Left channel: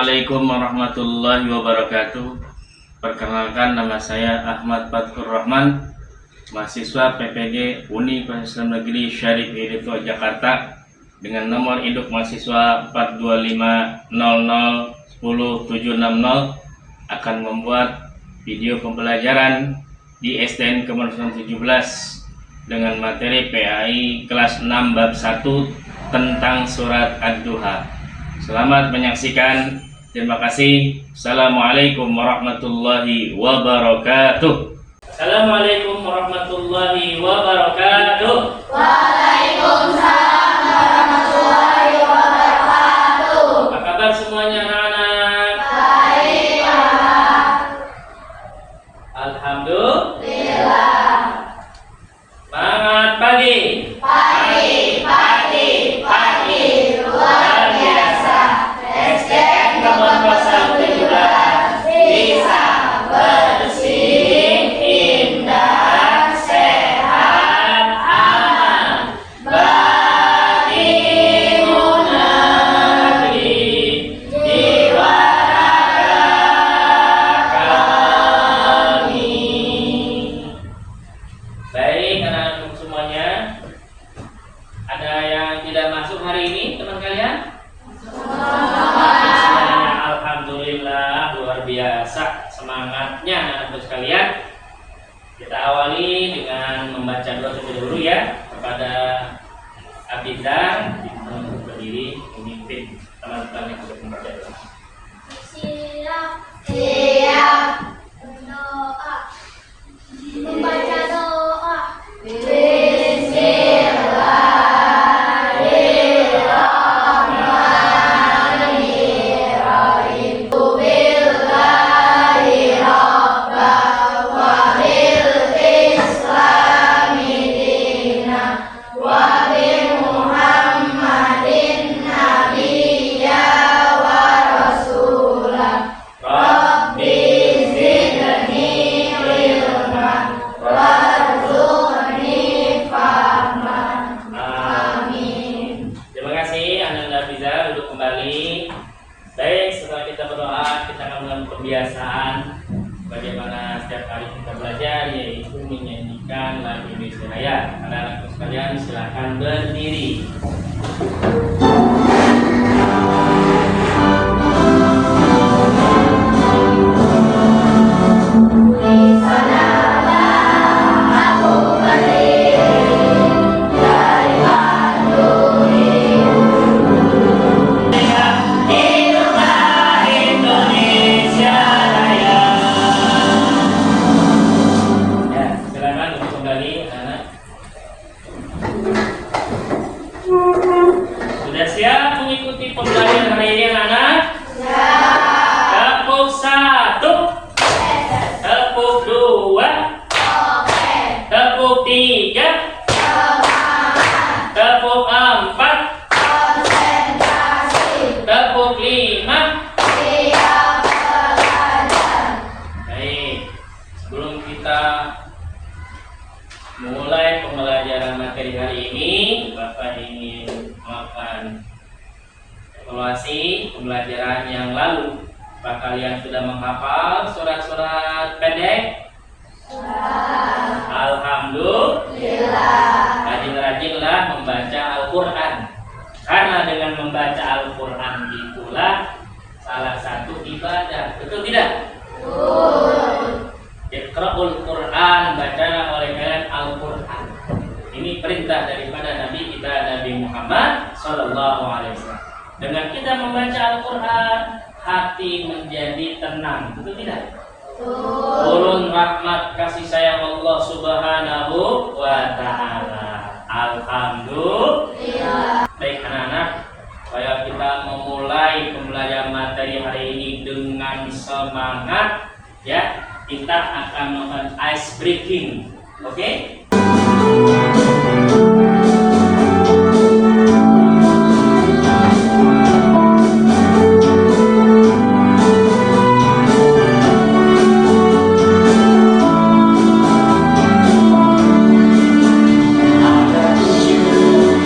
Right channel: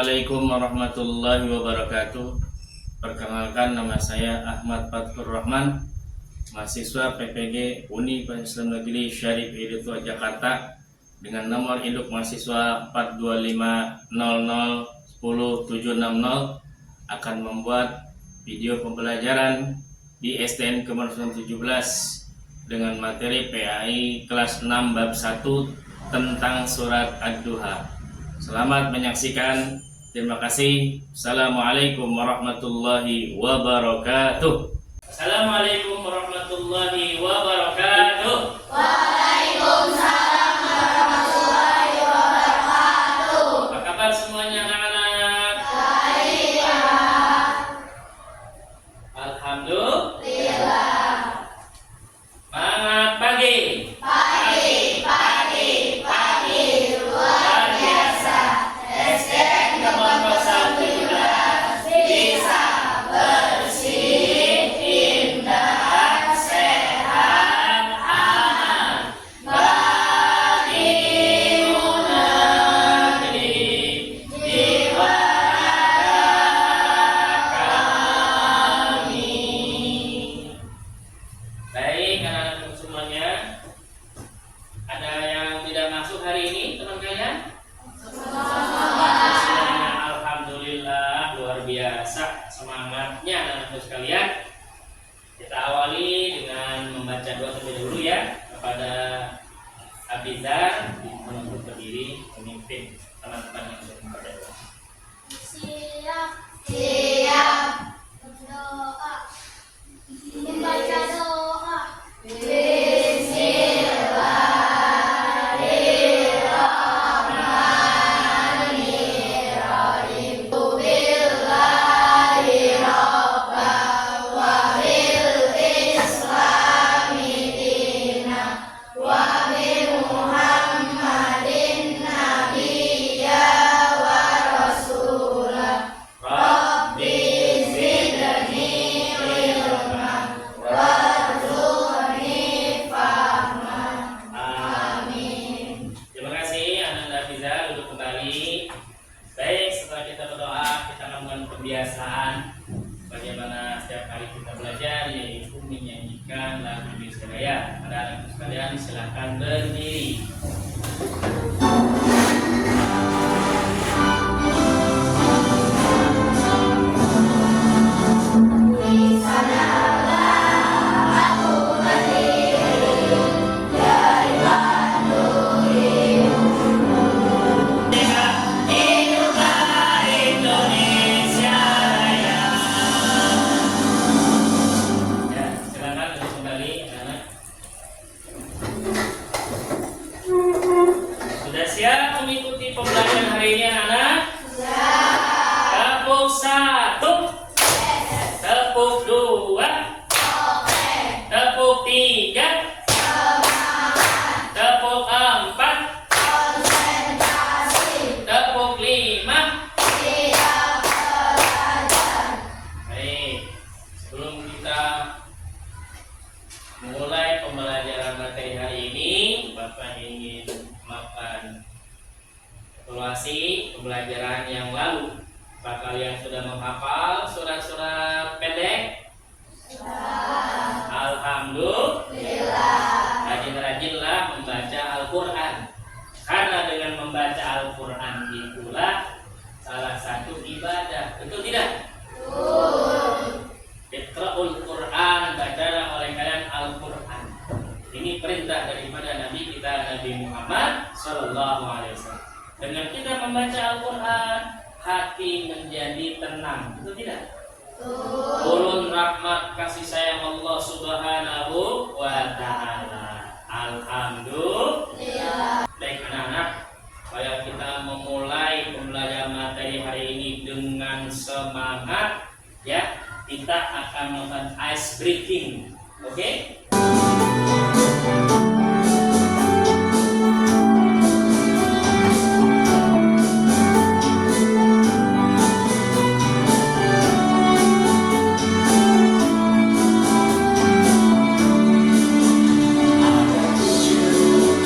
Assalamualaikum warahmatullahi wabarakatuh. Perkenalkan, nama saya Ahmad Fathur Rahman, mahasiswa PPG Universitas Negeri Syarif Hidayatullah Jakarta, dengan nomor induk mahasiswa 42500100760 akan membuat video pembelajaran di STN Kemanusiaan 17 dengan materi PAI kelas 6 bab 1 tentang surat Ad-Duha. Selamat menyaksikan. Terima kasih. Assalamualaikum warahmatullahi wabarakatuh. Assalamualaikum warahmatullahi wabarakatuh. Waalaikumsalam warahmatullahi wabarakatuh. Apa kabar semuanya anak-anak? Baik, Pak. Alhamdulillah. Semangat pagi. Pagi, luar biasa. STN Kemanusiaan 17 bisa bersih, indah, sehat, aman. Bagi negeri jiwa kami. Baik anak-anak semuanya, ada yang tidak masuk hari ini teman kalian? Alhamdulillah, luar biasa semangatnya anak-anak sekalian. Kita awali dengan membaca doa terlebih dahulu ya kepada Abidar untuk berdiri memimpin teman-teman yang sudah membaca doa. Siap. Berdoa. Membaca doa. Bismillahirrahmanirrahim. Billahi rabbah wa bil islami dina wa bi Muhammadin nabiyya wa rasulah. Rabbi zidni ilma warzuqni fahma. Amin. Terima kasih anak-anak bisa duduk kembali. Baik, setelah kita berdoa, kita akan melakukan pembiasaan bagaimana setiap kali kita belajar, yaitu menyanyikan lagu Indonesia Raya. Anak-anak sekalian silakan berdiri. Ya, silakan duduk kembali anak. Sudah siap mengikuti pembelajaran hari ini anak? Tepuk 1, tepuk 2, tepuk 3, tepuk 4, tepuk 5. Baik, sebelum kita mulai pembelajaran materi hari ini, Bapak ingin melakukan evaluasi pembelajaran yang lalu. Apakah kalian sudah menghafal surat-surat pendek? Alhamdulillah. Rajin-rajinlah membaca Al-Quran, karena dengan membaca Al-Quran itulah salah satu ibadah. Betul tidak? Iqra'ul Quran, bacalah oleh kalian Al-Quran. Ini perintah daripada Nabi kita, Nabi Muhammad Sallallahu Alaihi Wasallam. Dengan kita membaca Al-Quran, hati menjadi tenang. Betul tidak? Turun rahmat kasih sayang Allah Subhanahu wa Ta'ala. Alhamdulillah. Baik anak-anak, supaya kita memulai pembelajaran materi hari ini dengan semangat, ya, kita akan melakukan ice breaking. Oke?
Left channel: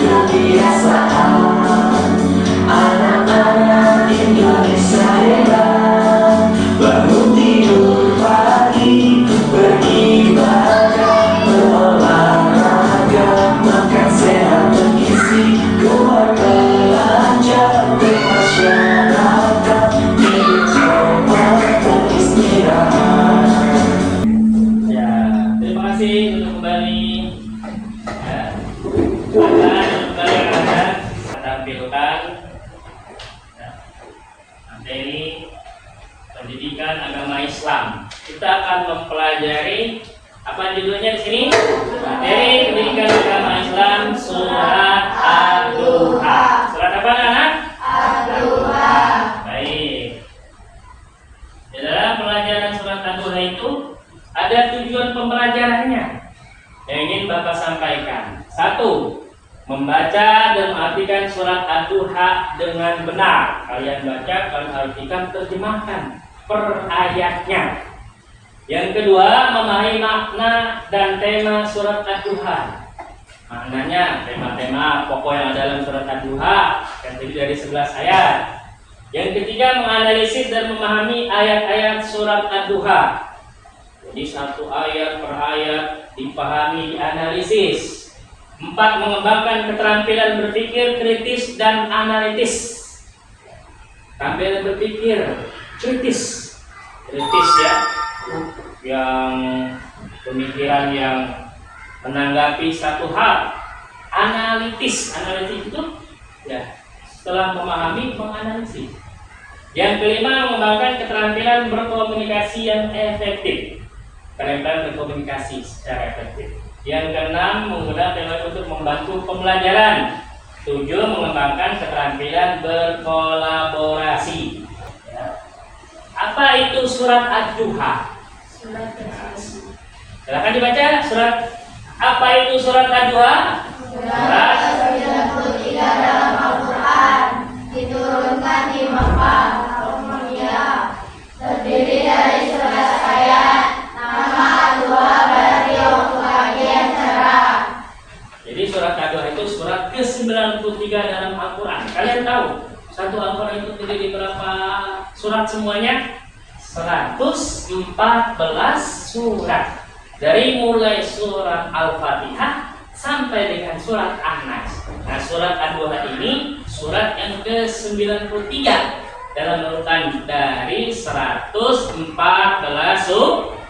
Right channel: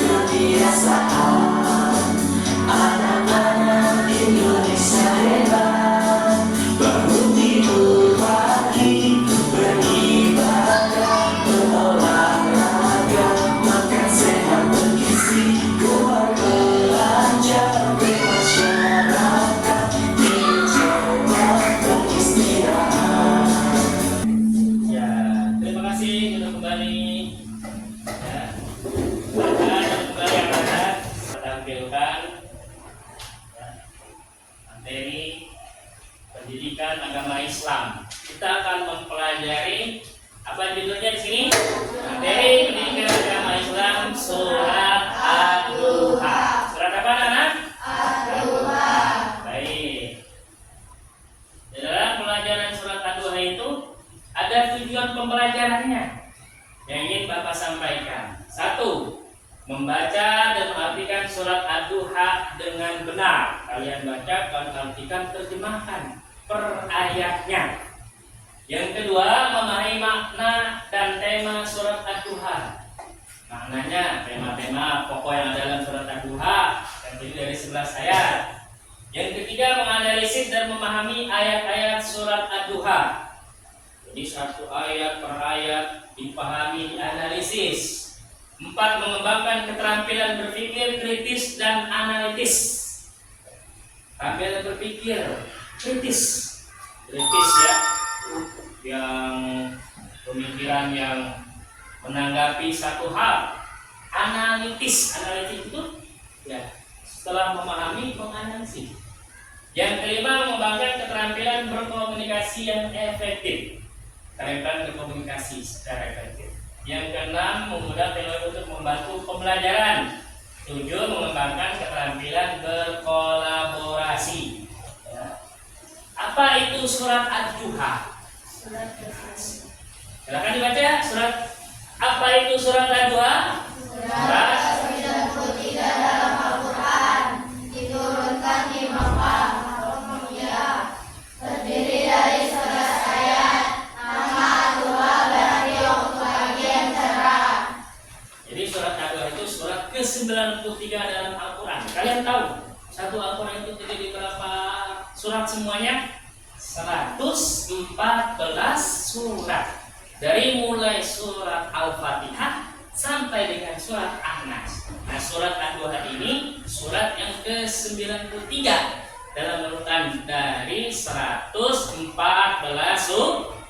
Kebiasaan anak-anak Indonesia. materi pendidikan agama Islam. Kita akan mempelajari apa judulnya di sini? Materi pendidikan agama Islam surat Ad-Duha. Surat apa anak? Ad-Duha. Baik. Di dalam pelajaran surat Ad-Duha itu ada tujuan pembelajarannya yang ingin Bapak sampaikan. 1. Membaca dan mengartikan surat Ad-Duha dengan benar. Kalian baca, kalian artikan, terjemahkan per ayatnya. Yang kedua, memahami makna dan tema surat Ad-Duha. Maknanya, tema-tema pokok yang ada dalam surat Ad-Duha yang terdiri dari 11 ayat. Yang ketiga, menganalisis dan memahami ayat-ayat surat Ad-Duha. Jadi satu ayat per ayat dipahami, dianalisis. 4. Mengembangkan keterampilan berpikir kritis dan analitis. Keterampilan berpikir kritis ya, yang pemikiran yang menanggapi satu hal. Analitis itu ya, setelah memahami, menganalisis. Yang kelima, mengembangkan keterampilan berkomunikasi yang efektif. Keterampilan berkomunikasi secara efektif. Yang keenam, menggunakan teknologi untuk membantu pembelajaran. 7. Mengembangkan keterampilan berkolaborasi. Ya. Apa itu surat Ad-Duha? Silakan dibaca surat. Apa itu surat Ad-Duha? Surat 93 dalam Al-Quran, diturunkan di Mekah, Al-Madinah, terdiri dari 11 ayat. Nama Ad-Duha berarti waktu pagi yang cerah. Jadi surat Ad-Duha itu surat ke-93 dalam Al-Quran. Kalian tahu satu Al-Quran itu terdiri berapa surat semuanya? 114 surat. Dari mulai surat Al-Fatihah sampai dengan surat An-Nas. Nah, surat Ad-Duha ini surat yang ke-93 dalam urutan dari 114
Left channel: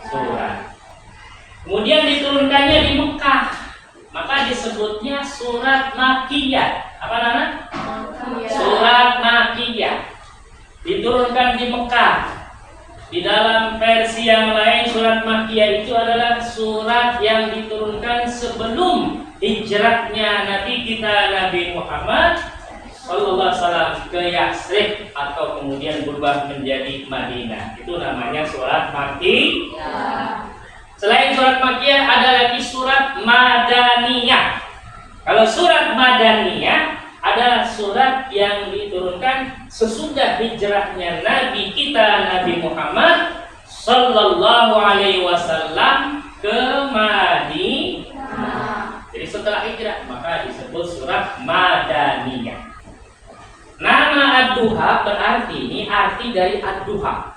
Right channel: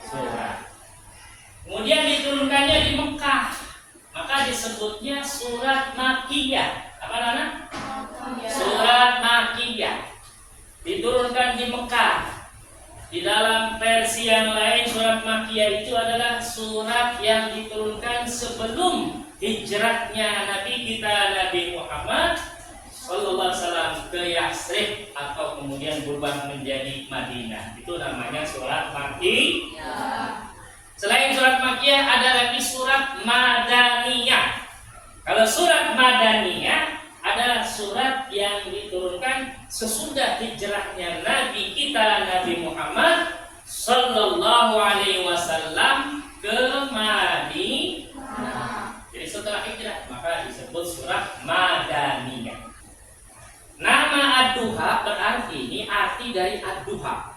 surat. Kemudian diturunkannya di Mekah, maka disebutnya surat Makkiyah. Apa namanya? Surat Makkiyah. Diturunkan di Mekah. Di dalam versi yang lain, surat Makkiyah itu adalah surat yang diturunkan sebelum hijrahnya Nabi kita Nabi Muhammad Sallallahu Alaihi Wasallam ke Yathrib atau kemudian berubah menjadi Madinah. Itu namanya surat Makkiyah. Selain surat Makkiyah ada lagi surat Madaniyah. Kalau surat Madaniyah adalah surat yang diturunkan sesudah hijrahnya Nabi kita Nabi Muhammad Sallallahu Alaihi Wasallam ke Madinah. Jadi setelah hijrah maka disebut surat Madaniyah. Nama Ad-Duha berarti, ini arti dari Ad-Duha.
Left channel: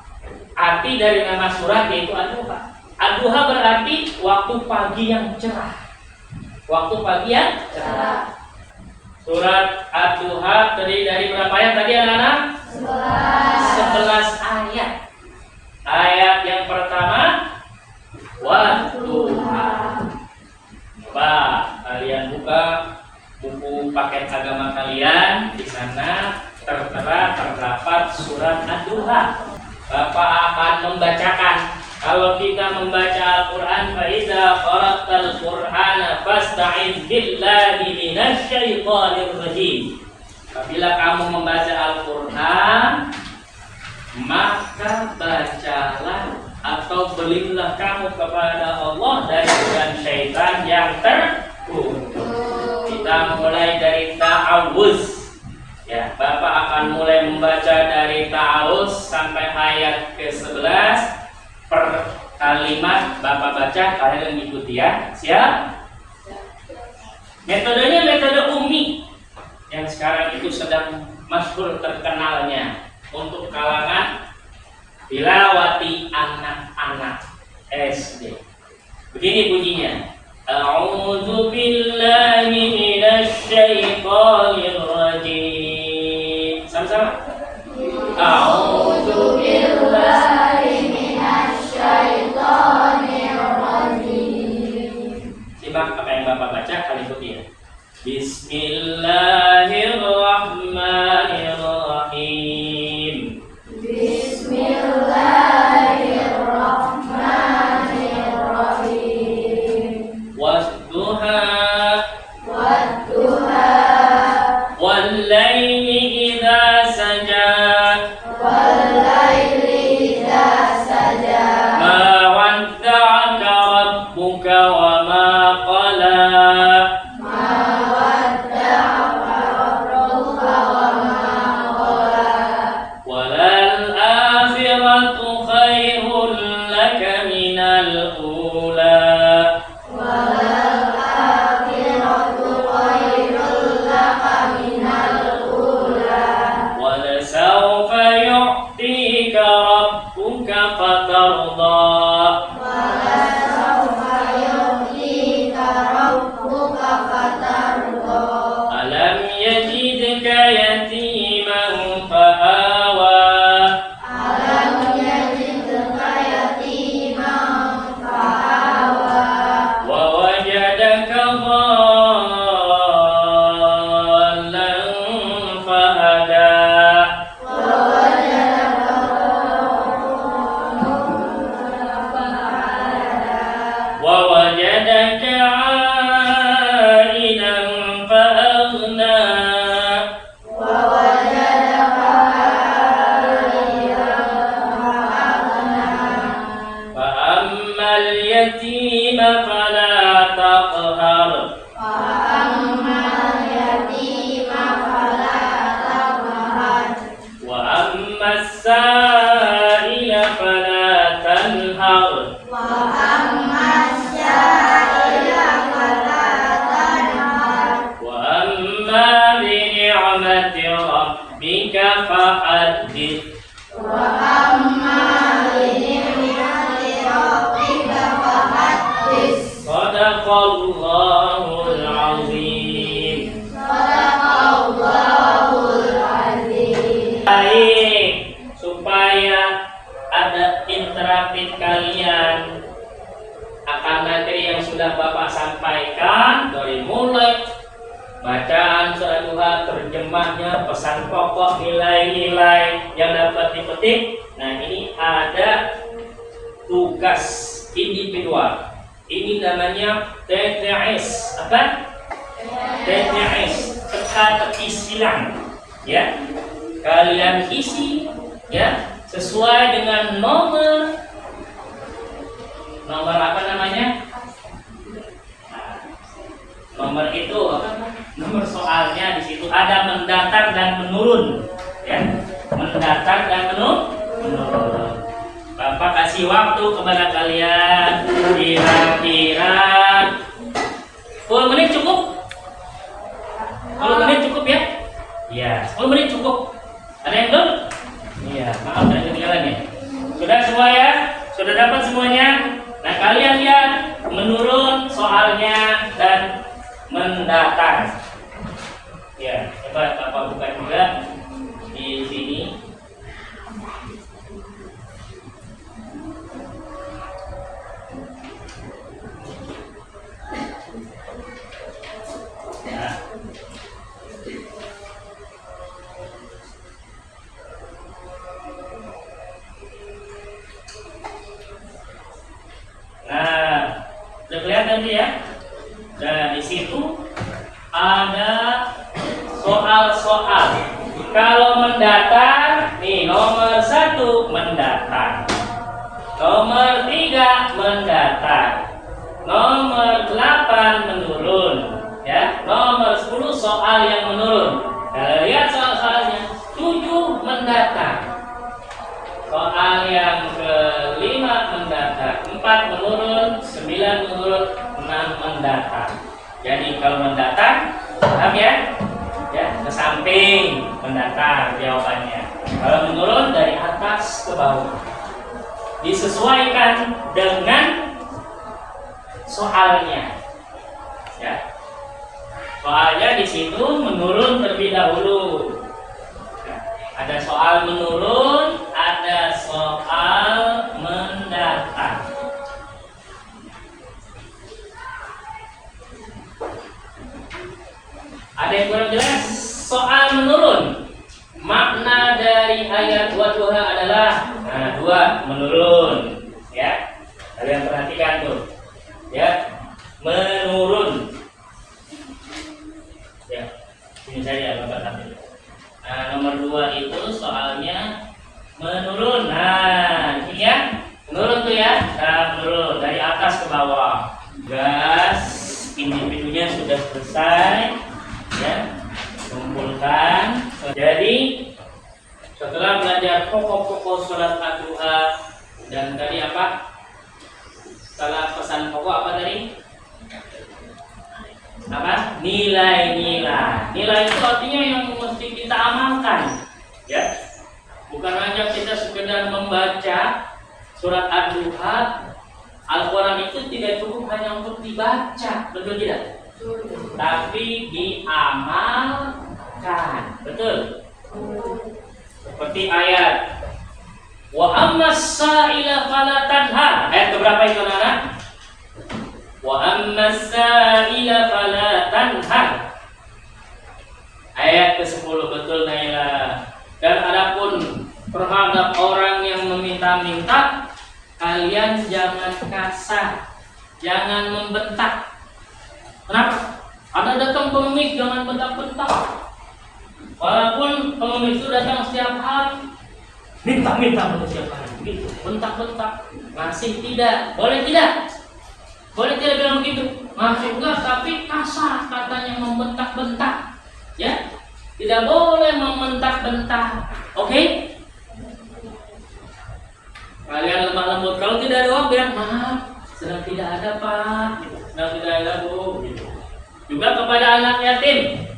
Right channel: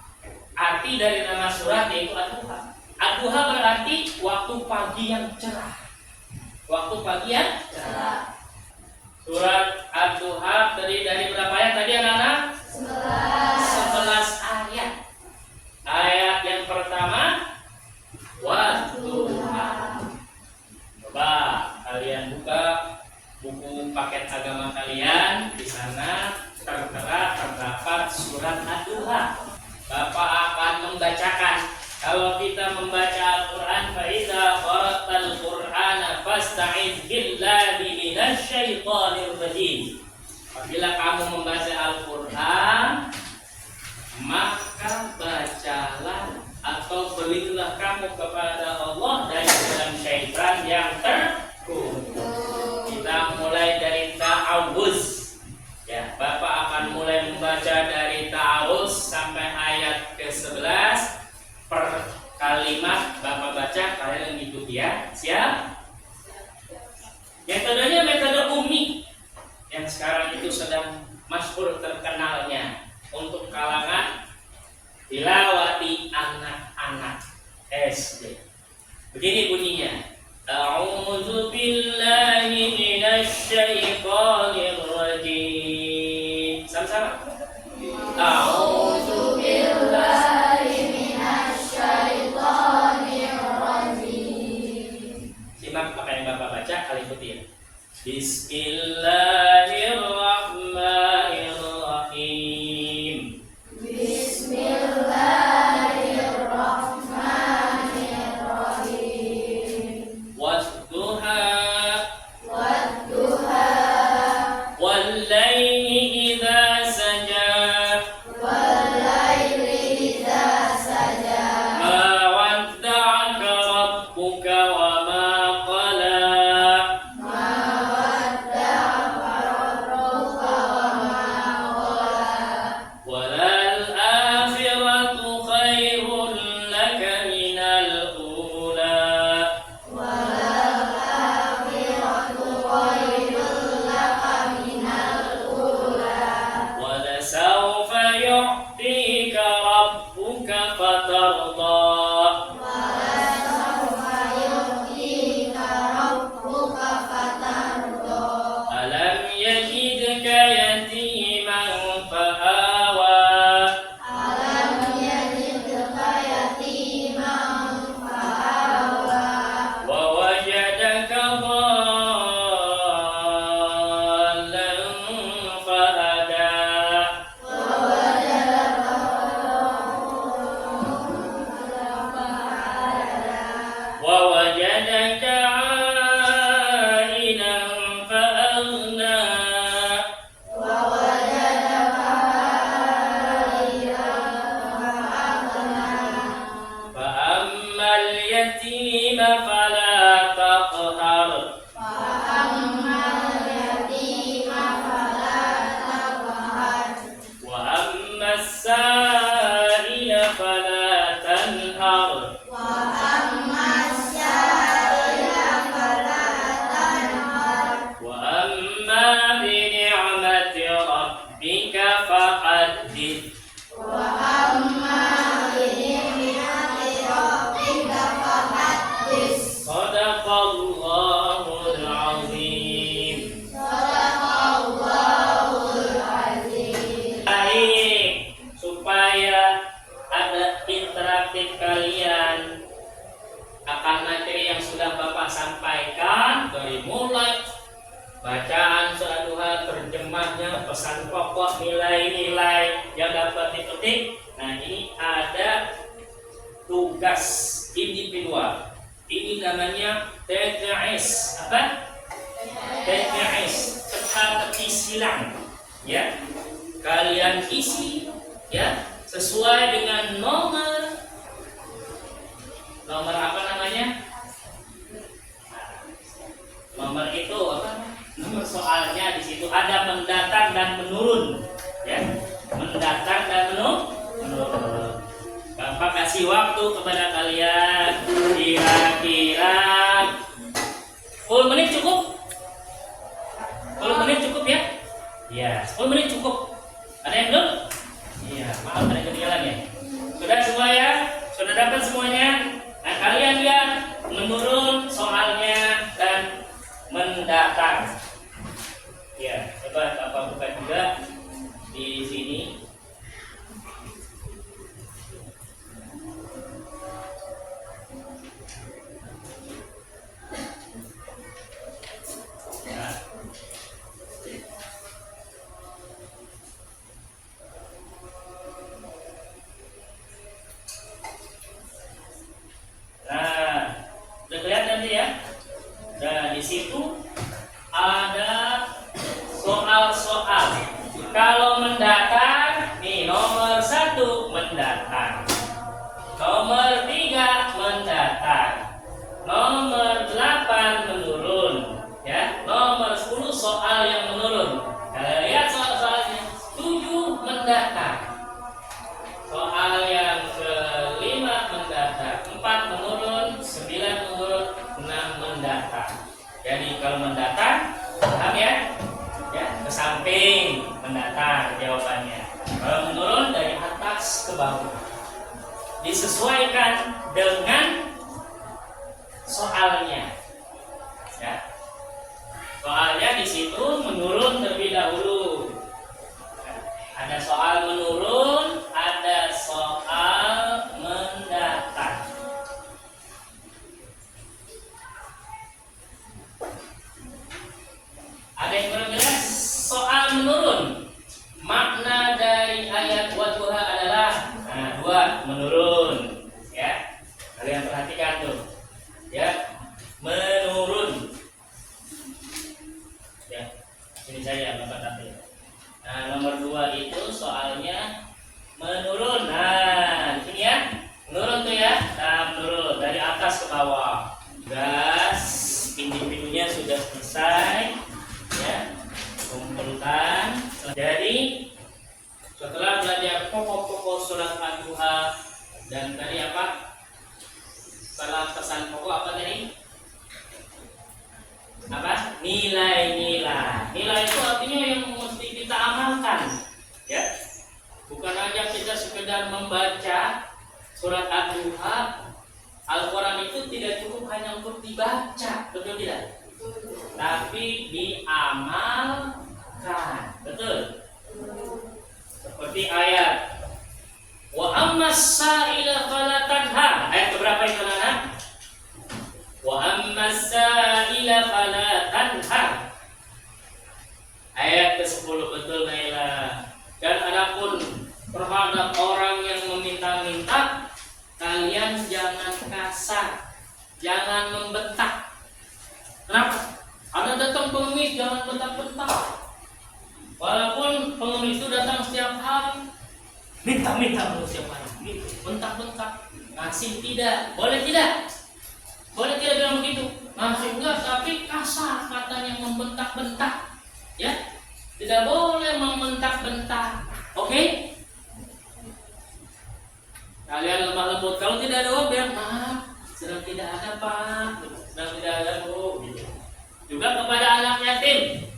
Arti dari nama surat yaitu Ad-Duha. Ad-Duha berarti waktu pagi yang cerah. Waktu pagi yang cerah. Surat Ad-Duha terdiri dari berapa ayat tadi anak-anak? 11 ayat. Ayat yang pertama, Wadduha. Coba kalian buka buku paket agama kalian, di sana tertera terdapat surat Ad-Duha. Bapak akan membacakan. Kalau kita membaca Al-Quran, faiza qara'tal Qur'ana fasta'iz billahi minasyaitonir rajim. Apabila kamu membaca Al-Quran, maka bacalah atau berlindunglah kamu kepada Allah dari godaan syaitan yang terkutuk. Kita mulai dari ta'awuz. Ya, Bapak akan mulai membaca dari ta'awuz sampai ayat ke-11. Per kalimat Bapak baca, kalian mengikuti ya. Siap? Metodenya metode Umi yang sekarang itu sedang masyhur terkenalnya untuk kalangan tilawati anak-anak SD. Begini bunyinya. A'udzu billahi minasyaitonir rajim. Sama-sama. A'udzu billahi minasyaitonir rajim. Simak apa yang Bapak baca, kalian ikuti ya. Bismillahirrahmanirrahim. bacaan sholat duha, terjemahnya, pesan pokok, nilai-nilai yang dapat dipetik. Nah, ini ada tugas individual. Ini namanya TTS. Apa? TTS, teka-teki silang. Ya, kalian isi ya sesuai dengan nomor apa namanya? Nomor itu apa? Nomor soalnya di situ ada mendatar dan menurun, ya. Mendatar dan menurun. Bapak kasih waktu kepada kalian kira-kira 10 menit cukup? 10 menit cukup ya? Iya, 10 menit cukup. Ada yang belum? Iya, maaf ada ketinggalan ya. Sudah semua ya? Sudah dapat semuanya? Nah, kalian lihat menurun soalnya dan mendatar. Ya, coba Bapak buka juga di sini. Nah, udah kelihatan nih ya. Dan di situ ada soal-soal. Kalau mendatar, nih nomor 1 mendatar, nomor 3 mendatar, nomor 8 menurun, ya, nomor 10 soal yang menurun. Nah, lihat soal-soalnya. 7 mendatar, soal yang ke-5 mendatar, 4 menurun, 9 menurun, 6 mendatar. Jadi kalau mendatar, paham ya? Ya, ke samping mendatar jawabannya. Kalau menurun dari atas ke bawah. Disesuaikan dengan soalnya. Ya. Soalnya di situ menurun terlebih dahulu. Ada soal menurun, ada soal mendatar. Ada yang kurang jelas? Soal menurun. Makna dari ayat wadduha adalah 2 menurun. Ya, kalian perhatikan tuh. Ya, menurun. Ya, sini saja Bapak ambil. Nah, nomor 2 itu soalnya menurun. Nah, ini ya, menurun tuh ya. Nah, menurun dari atas ke bawah. Gas individunya sudah selesai. Ya, kumpulkan. Jadi setelah belajar pokok-pokok sholat ad-duha dan tadi apa? Salah pesan pokok apa tadi? Apa? Nilai-nilai. Nilai itu artinya yang mesti kita amalkan. Ya, bukan hanya kita sekedar membaca surat ad-duha. Al-Quran itu tidak cukup hanya untuk dibaca, betul tidak? Tapi diamalkan, betul. Seperti ayat wa ammas sa'ila fala tanha. Ayat keberapa itu anak? Wa ammas sa'ila fala tanha. Ayat ke-10, betul Naila. Dan adapun terhadap orang yang meminta-minta, kalian jangan kasar, jangan membentak. Kenapa? Ada datang pengemis, jangan bentak-bentak. Walaupun pengemis itu datang setiap hari, minta-minta setiap hari, gitu, bentak-bentak. Ngasih tidak, boleh tidak? Boleh tidak bilang begitu? Ngasih enggak, tapi kasar katanya, membentak-bentak. Ya, tidak boleh membentak-bentak. Oke? Kalian lemah lembut. Kalau tidak ada uang, bilang maaf, sedang tidak ada Pak, sedang tidak ada Bu. Juga kepada anak yatim,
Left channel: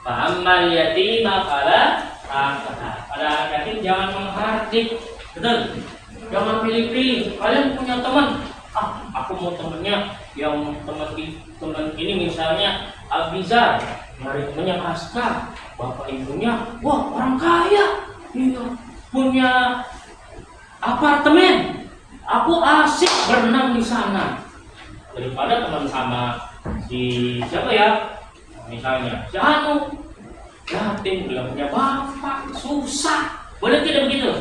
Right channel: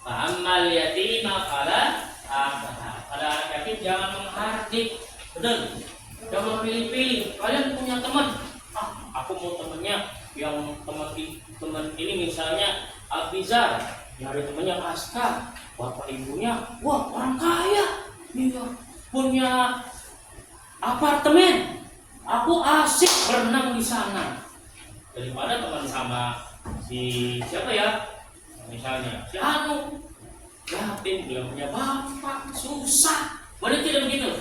fa'ammal yatima fala taqhar. Pada anak yatim jangan menghardik, betul? Jangan pilih-pilih. Kalian punya teman, aku mau temennya yang teman ini misalnya Abiza, nyari temennya Aska, bapak ibunya, wah orang kaya, iya, punya apartemen, aku asik berenang di sana. Daripada teman sama si siapa ya, Misalnya, si Anu yatim, belum punya bapak, susah. Boleh tidak begitu?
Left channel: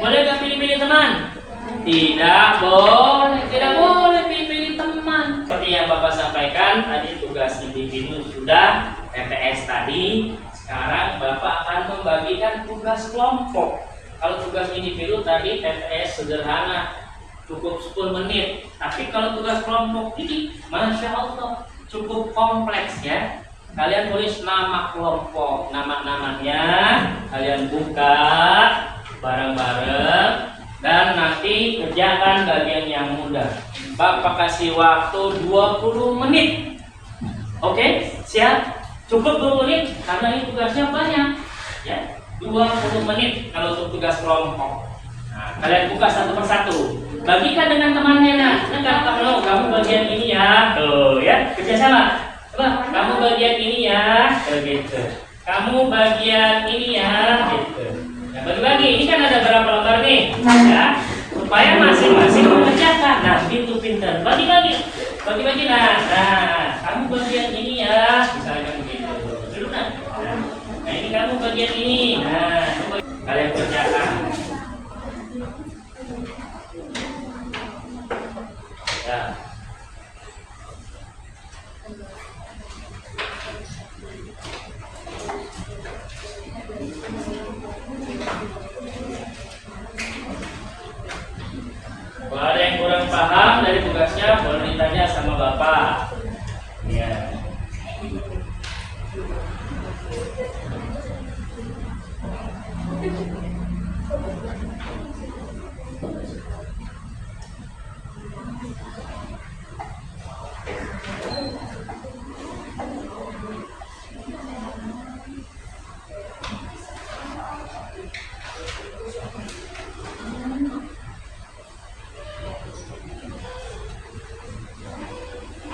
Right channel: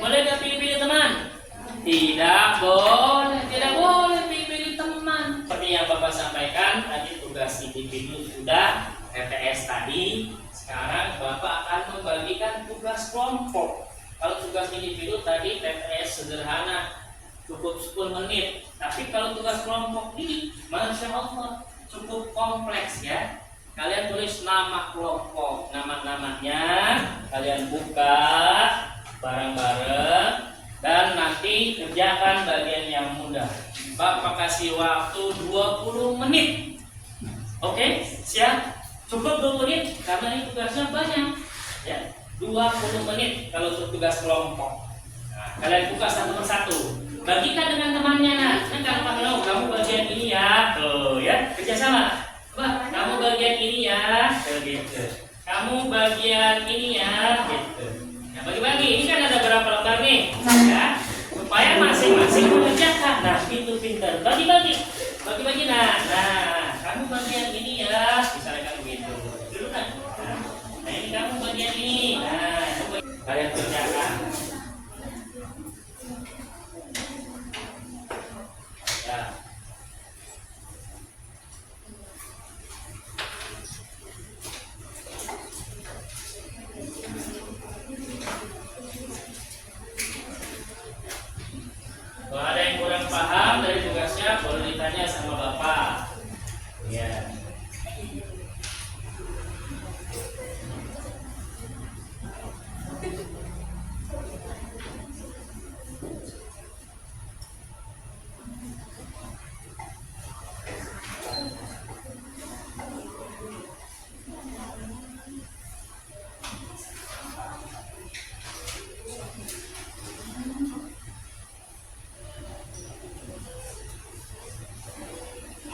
Boleh nggak pilih-pilih teman? Tidak boleh, tidak boleh pilih-pilih teman. Seperti yang Bapak sampaikan tadi, tugas individu sudah, TTS tadi. Sekarang Bapak akan membagikan tugas kelompok. Kalau tugas individu tadi TTS sederhana, cukup 10 menit. Tapi kalau tugas kelompok ini, Masya Allah, cukup kompleks ya. Kalian tulis nama kelompok, nama-namanya, kalian buka bareng-bareng, dan nanti kerjakan bagian yang mudah. Bapak kasih waktu 20 menit. Oke, siap? Cukup 20 menit karena ini tugasnya banyak. Ya, 20 menit kalau untuk tugas kelompok. Nah, kalian buka satu persatu. Bagikan dengan temannya. Nah, kamu bagian ini ya. Tuh ya, kerjasama. Coba, kamu bagian ini ya, gitu. Kamu bagian ini ya, gitu. Nah, bagi-bagi. Ini kan ada berapa lembar nih, ya? Supaya masing-masing mengerjakan. Nah, gitu pintar. Bagi-bagi, bagi-bagi. Nah, kamu bagian ini ya, misalnya begitu. Dulu nah. Nah, ini kamu bagian ini. Nah, coba kalian kerjakan. Ya. Kalau ada yang kurang paham dari tugasnya, boleh ditanya sama Bapak. Ya.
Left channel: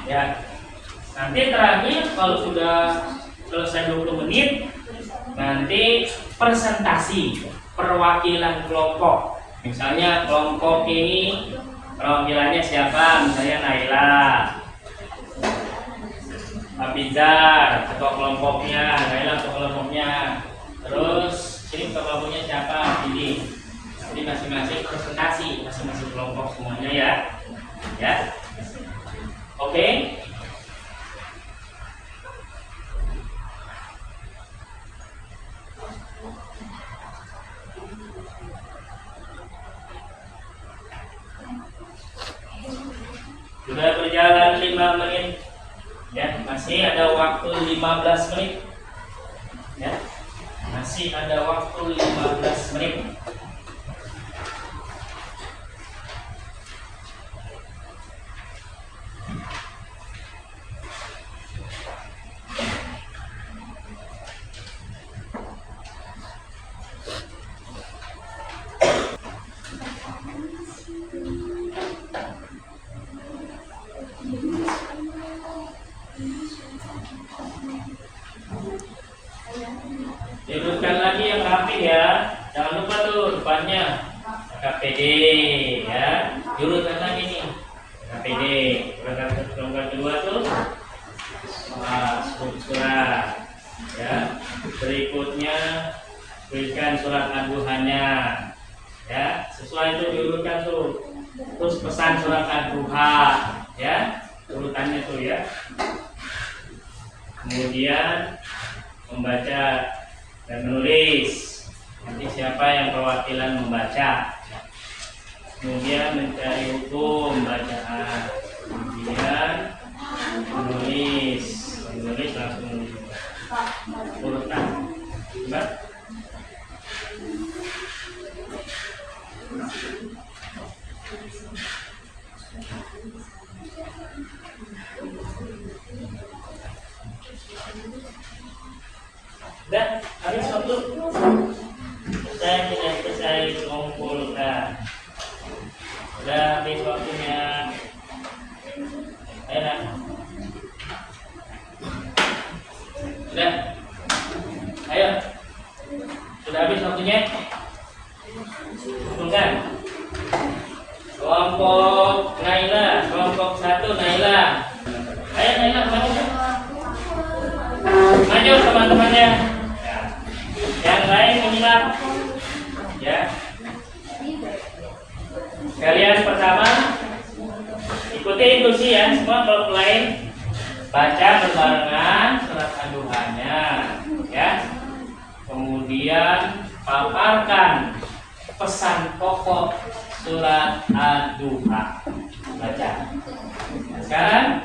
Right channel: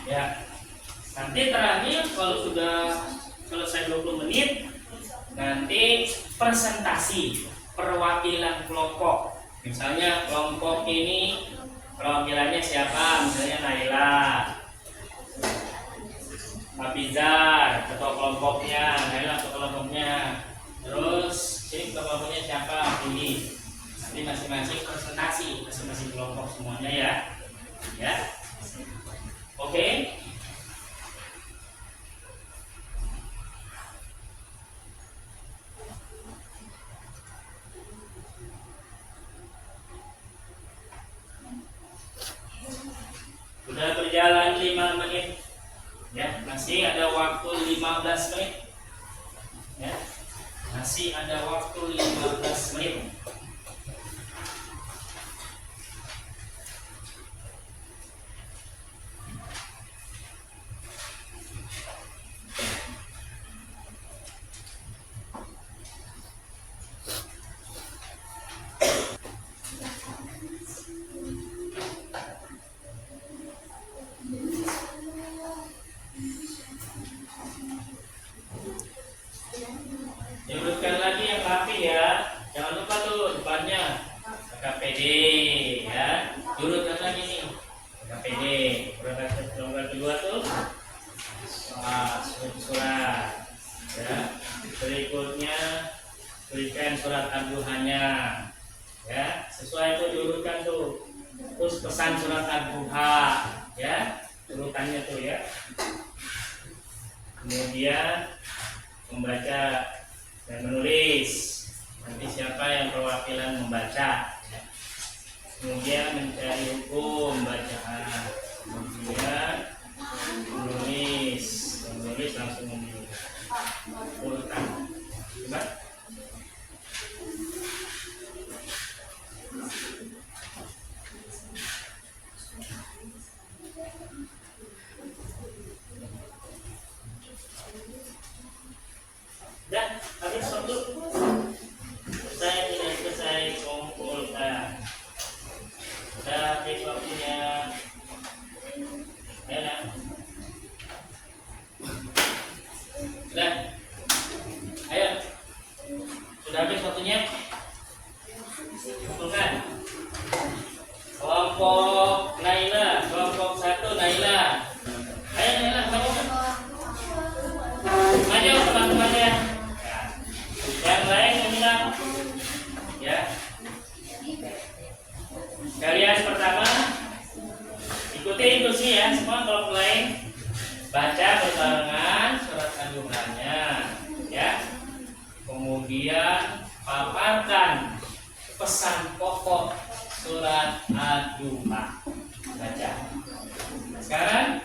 Ya, nanti terakhir kalau sudah selesai 20 menit, nanti presentasi perwakilan kelompok. Misalnya kelompok ini perwakilannya siapa? Misalnya Naila, Abizar, ketua kelompoknya, Naila ketua kelompoknya. Terus ini ketua kelompoknya siapa? Ini. Nanti masing-masing presentasi, masing-masing kelompok semuanya ya. Ya. Oke. Sudah berjalan 5 menit. Ya, masih ada waktu 15 menit. Ya. Masih ada waktu 15 menit. Diurutkan lagi yang rapi ya. Jangan lupa tuh depannya KPD ya. Diurutkan lagi nih. KPD. Rangkaian kedua tuh surat ya. Berikutnya berikan surat aduhannya ya. Sesuai itu diurutkan tuh. Terus pesan surat aduha ya. Urutannya tuh ya. Kemudian membaca dan menulis. Nanti siapa yang perwakilan membaca. Kemudian mencari hukum bacaan. Kemudian menulis langsung menulis. Urutan. Coba. Dan habis waktu saya kumpulkan. Sudah habis waktunya. Ayo lah. Sudah. Ayo. Sudah habis waktunya. Kumpulkan. Kelompok Naila, kelompok 1 Naila. Ayo Naila, kemana? tidur teman-temannya. Ya. Yang lain menginap. Ya. Kalian pertama ikuti instruksi ya semua kalau lain baca berbarengan surat Ad-Duhanya ya. Kemudian paparkan pesan pokok surat Ad-Duha. Baca. Sekarang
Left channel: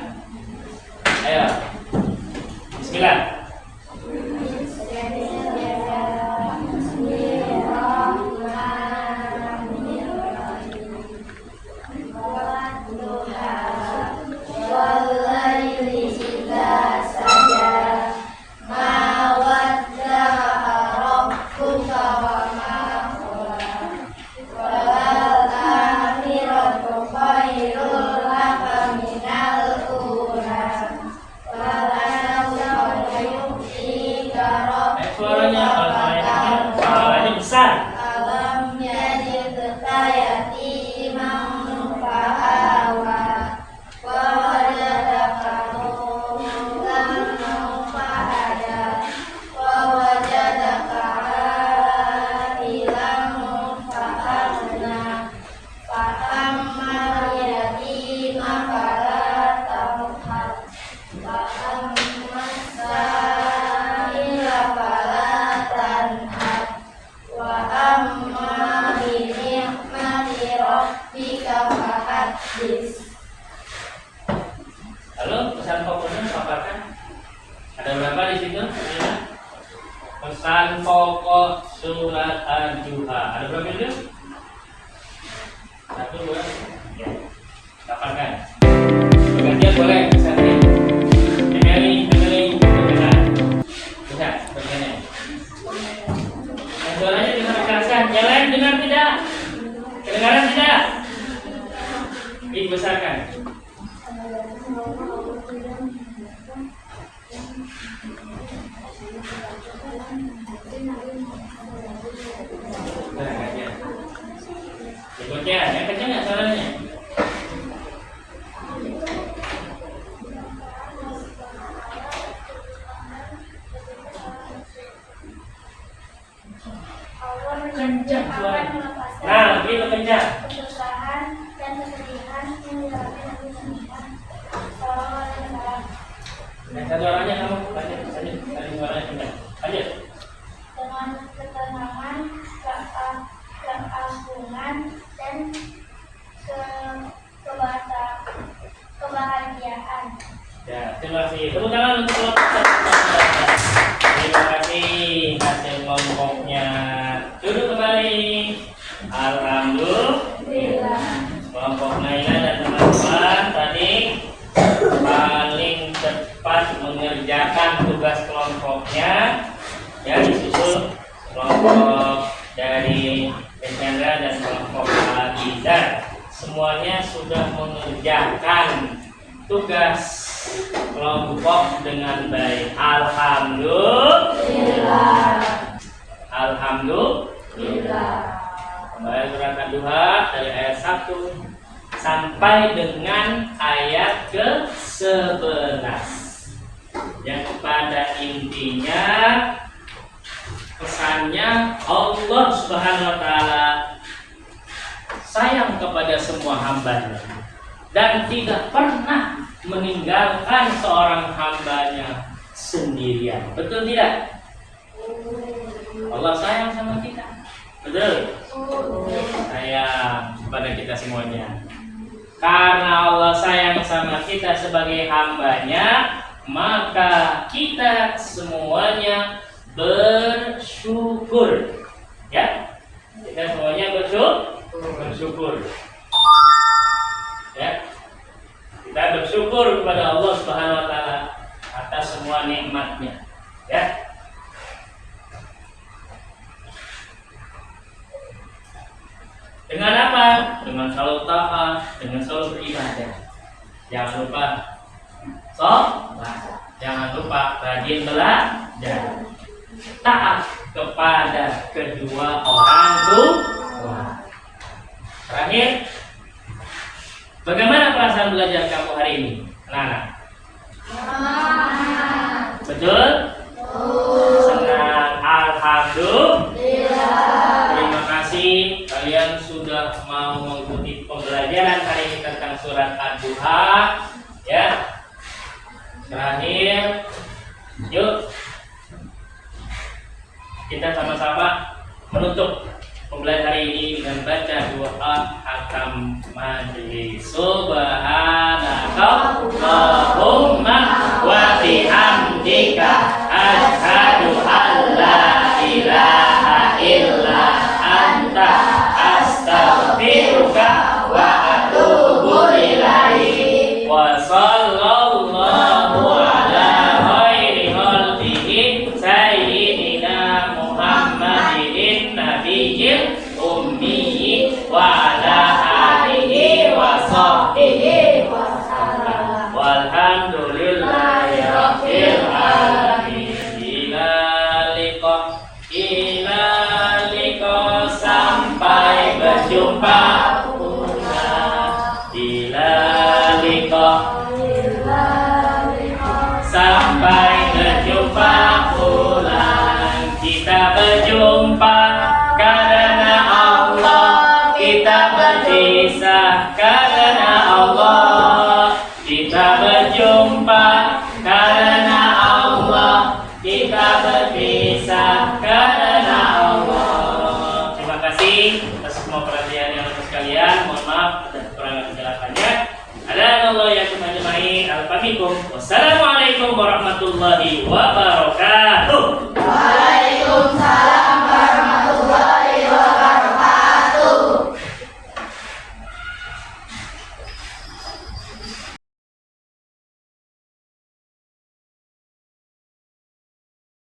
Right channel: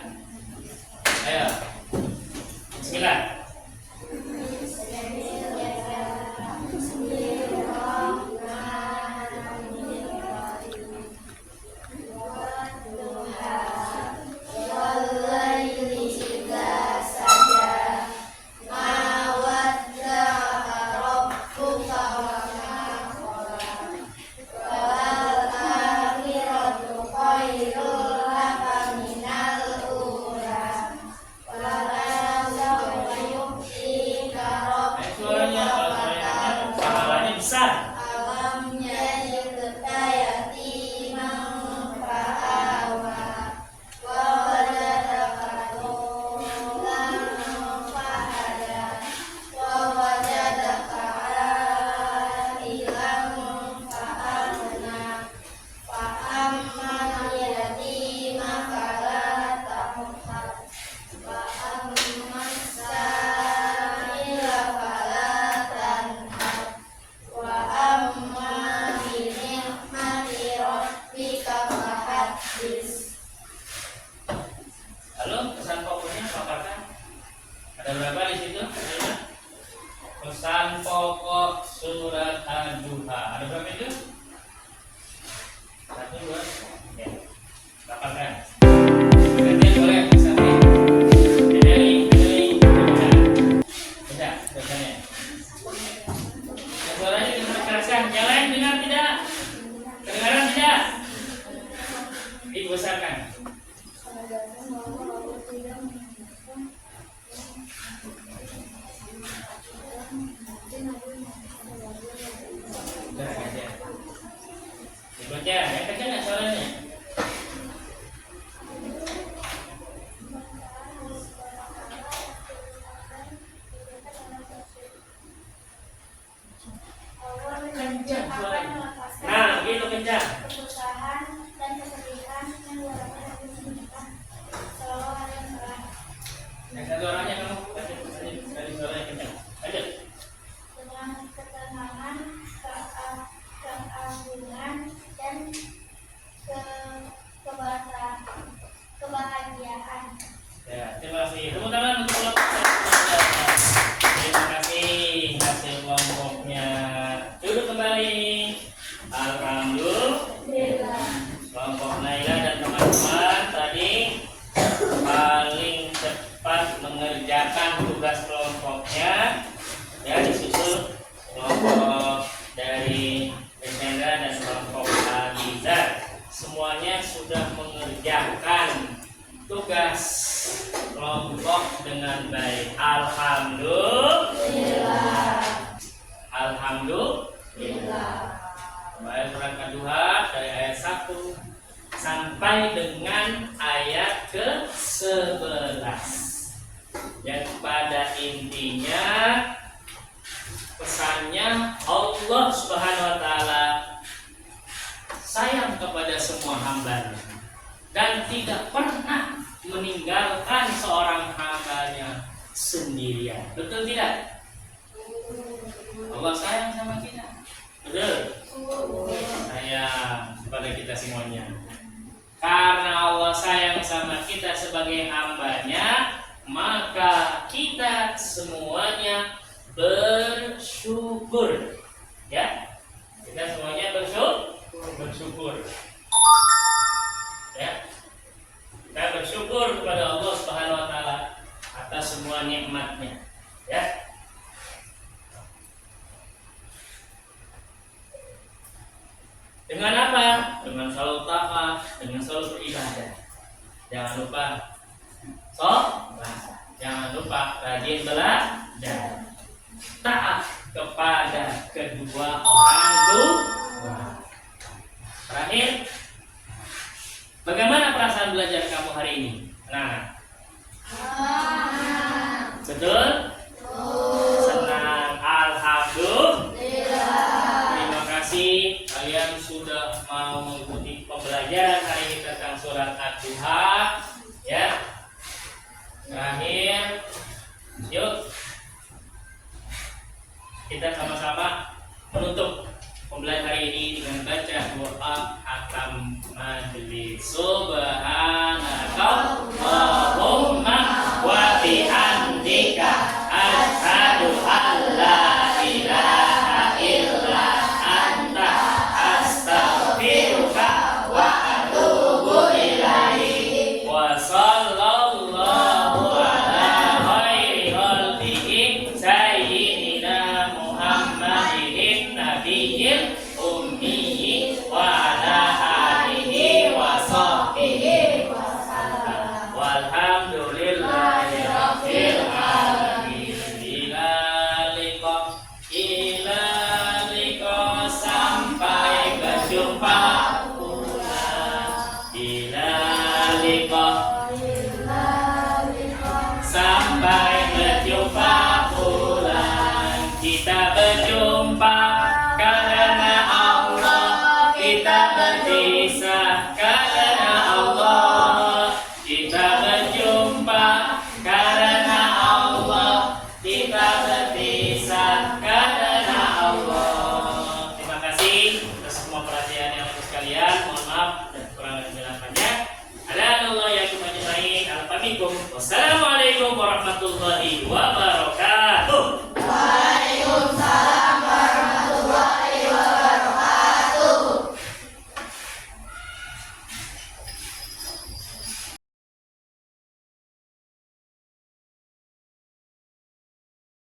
ayo. Bismillah. Suaranya besar. Lalu pesan pokoknya paparkan. Ada berapa di situ? Pesan pokok surat Ad-Duha. Ada berapa itu? 1, 2, ya. Paparkan. Gantian boleh pesannya. Bisa, pesannya. Suaranya dengar kerasan. Yang lain dengar tidak? Kedengaran tidak? Dibesarkan. Berikutnya, yang kencang nggak suaranya? Kencang suaranya. Nah, gitu kencang. Kesusahan dan kesedihan menyebabkan kesusahan. Salam. Yang satu orangnya kamu lanjut suaranya kencang. Lanjut. Dengan ketenangan, keagungan dan kebahagiaan. Ya, terima kasih. Tepuk tangan untuk kelompok. Terima kasih hasil kelompoknya. Duduk kembali. Alhamdulillah. Kelompok Naila dan teman-teman tadi paling cepat mengerjakan tugas kelompoknya. Ya, disusul kelompok dari Chandra dan kelompok Azizar. Semuanya sudah mengerjakan tugas kelompok dengan baik. Alhamdulillah. Alhamdulillah. Kembali surat Ad-Duha dari ayat 1 sampai dengan ayat ke-11. Yang pada intinya pesannya Allah Subhanahu wa taala sayang kepada semua hambanya dan tidak pernah meninggalkan seorang hambanya sendirian. Betul tidak? Allah sayang sama kita. Betul? Sayang kepada kita semuanya. Karena Allah sayang sama kita sebagai hambanya, maka kita semuanya bersyukur. Ya, kita semuanya bersyukur. Ya, kita bersyukur kepada Allah Subhanahu Wa Taala atas semua nikmatnya. Ya. Dengan apa? Dengan selalu taat, dengan selalu beribadah. Jangan lupa sholat. Jangan lupa rajin belajar. Taat kepada kedua orang tua. Terakhir, bagaimana perasaan belajar kamu hari ini, anak-anak? Betul? kita sama-sama menutup pembelajaran hari ini dengan baca doa hakam majelis. Subhanakallahumma wa bihamdika asyhadu an la ilaha illa anta astaghfiruka wa atubu ilaik. Wa sallallahu ala khairi khalqihi sayyidina Muhammadin nabiyil ummi wa ala alihi wa sahbihi wa sallam. Walhamdulillahi rabbil alamin. Ila liqa sampai berjumpa pula. Ila liqa sampai berjumpa pula. Kita berjumpa karena Allah, kita berpisah karena Allah. Kita berjumpa karena Allah, kita berpisah karena Allah. Terima kasih atas semua perhatian yang atas sekalian. Mohon maaf atas kekurangan penjelasannya. Alhamdulillah ya ajmain. Alhamdulillah. Wassalamualaikum warahmatullahi wabarakatuh.